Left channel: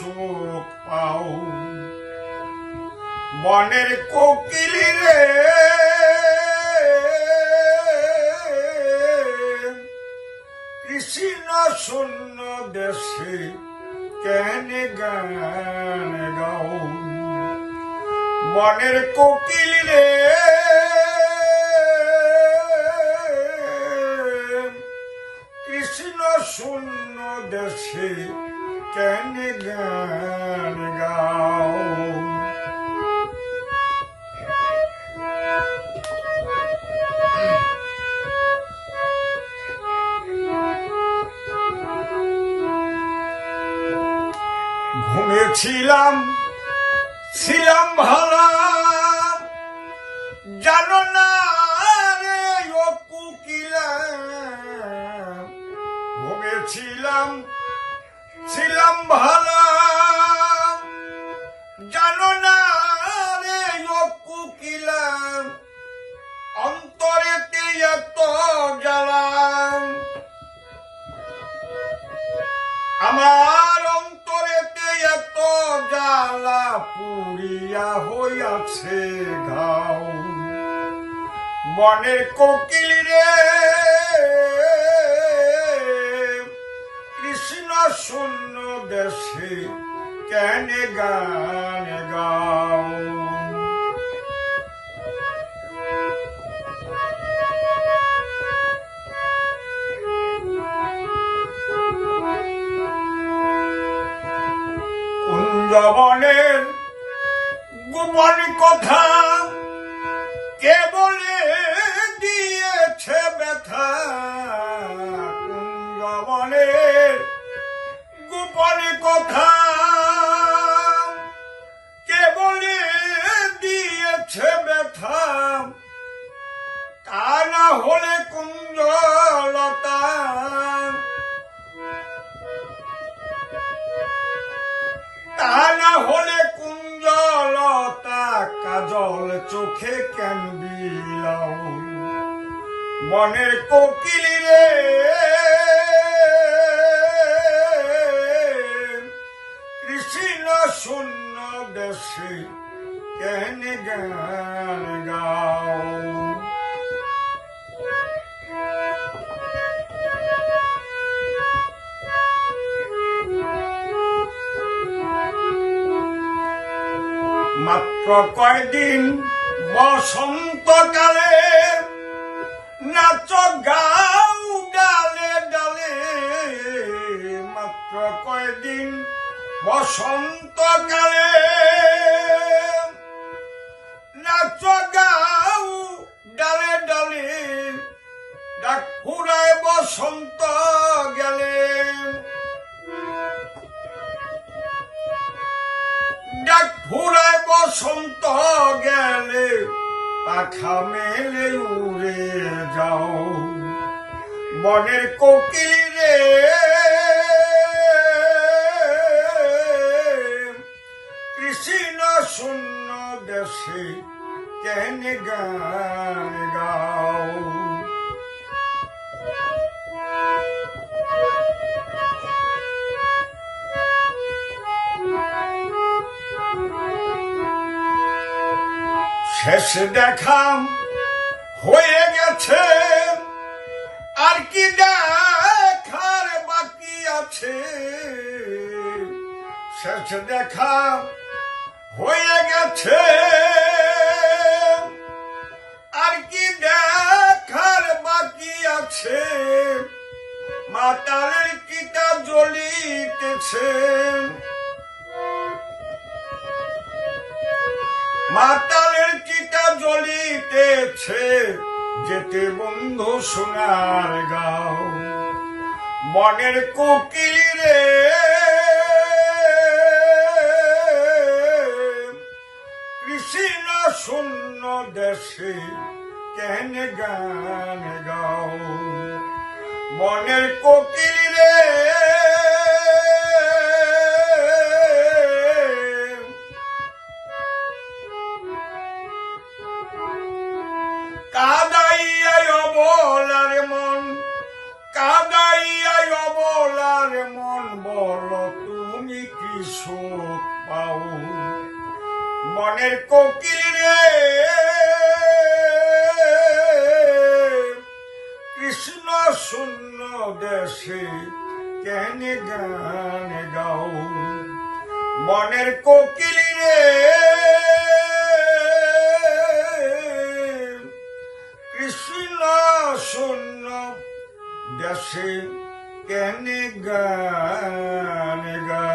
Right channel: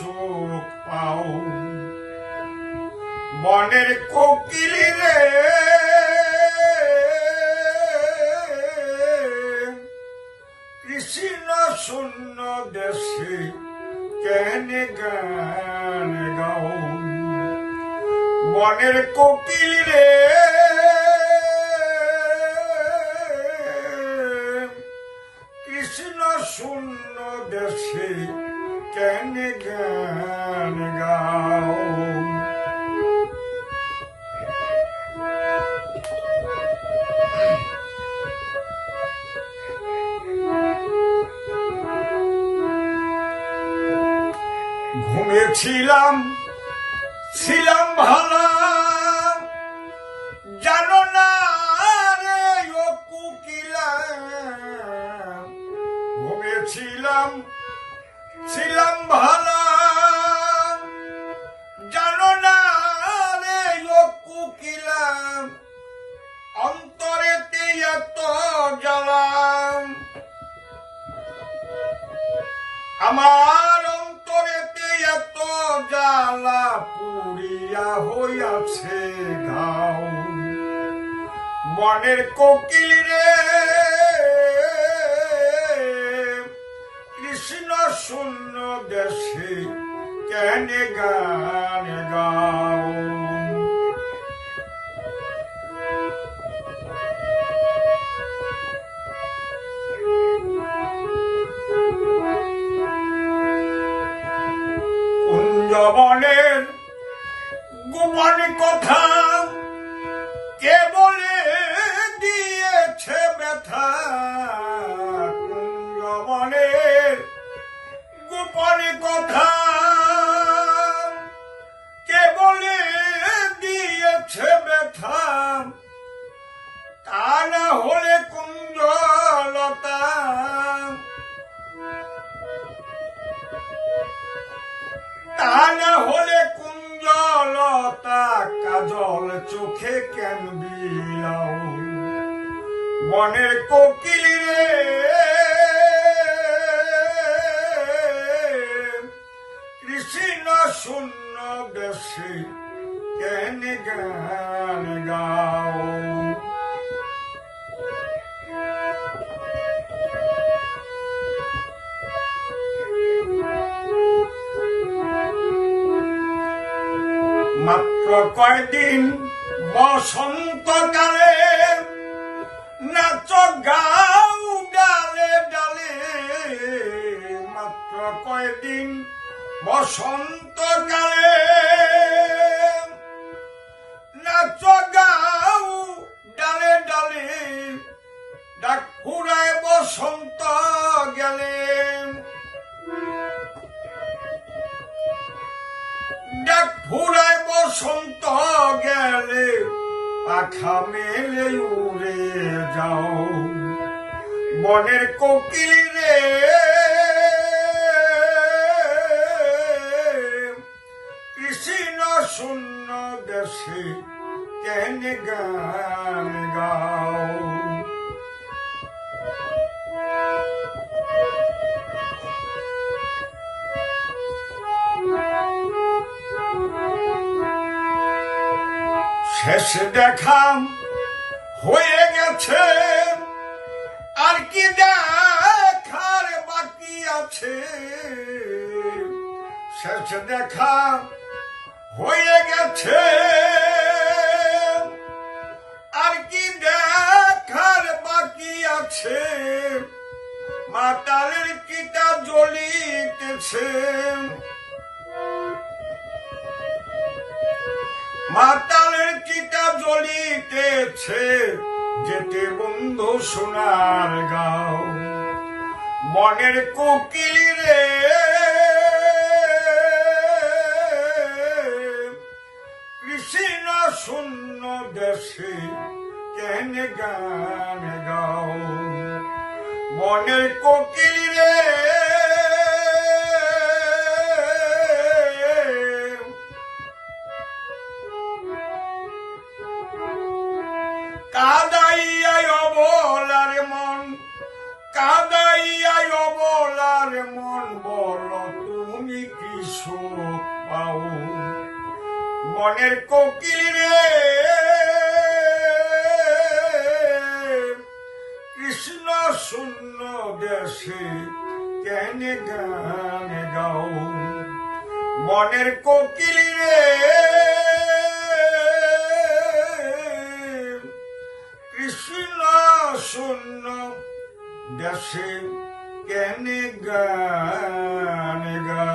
সুখ পাও। বনের কোকিল রে। কৃষ্ণ শূন্য দেশে কেন গান গাও। বনের কোকিল রে। কেন গান ছিলাম ভালা। জানো না রে ও কুকিলা। ঘুমেছিলাম ছিলাম জানো না রে অন্তরেতে এত জ্বালাম। আমার অন্তরেতে এত জ্বালা পুরিয়া হইয়াছে ঘাও বনের কোকিল রে শূন্য দেশে কেন গান গাও? কুঞ্জবনের গোপন কথা কে চোখে কেন বিলাও মনের কোকিল রে। কৃষ্ণ শূন্য দেশে কেন গান গাও? মাত্র কয়দিন বসন্তকালে নাচ গাও ডালে ডালে। মাত্র কয়দিন বসন্তকালে নাচ গাও ডালে ডালে। ডাক ফুরায় বসন্ত গেলেন ডাক ফুরায় বসন্ত গেলে পাখা মেলে উড়ে যাও। বনের কোকিল রে। কৃষ্ণ শূন্য দেশে কেন গান গাও? শেষ দেখা হয়ে গেছে। আর কি দেখার বাকি আছে? শেষ দেখা হয়ে গেছে। আর কি দেখার বাকি আছে? মাতালের কিটা জ্বলিতেছে। চিতা জ্বলিতেছে যেতে বন্ধু সোনার গাও। মনের কোকিল রে, কৃষ্ণ শূন্য দেশে কেন গান গাও? মনের কোকিল কাদাইয়াই অবলার মন বল তুমি কি সুখ পাও। মনের কোকিল রে, কৃষ্ণ শূন্য দেশে কেন গান গাও। মনের কোকিল রে দেশে কেন গান গা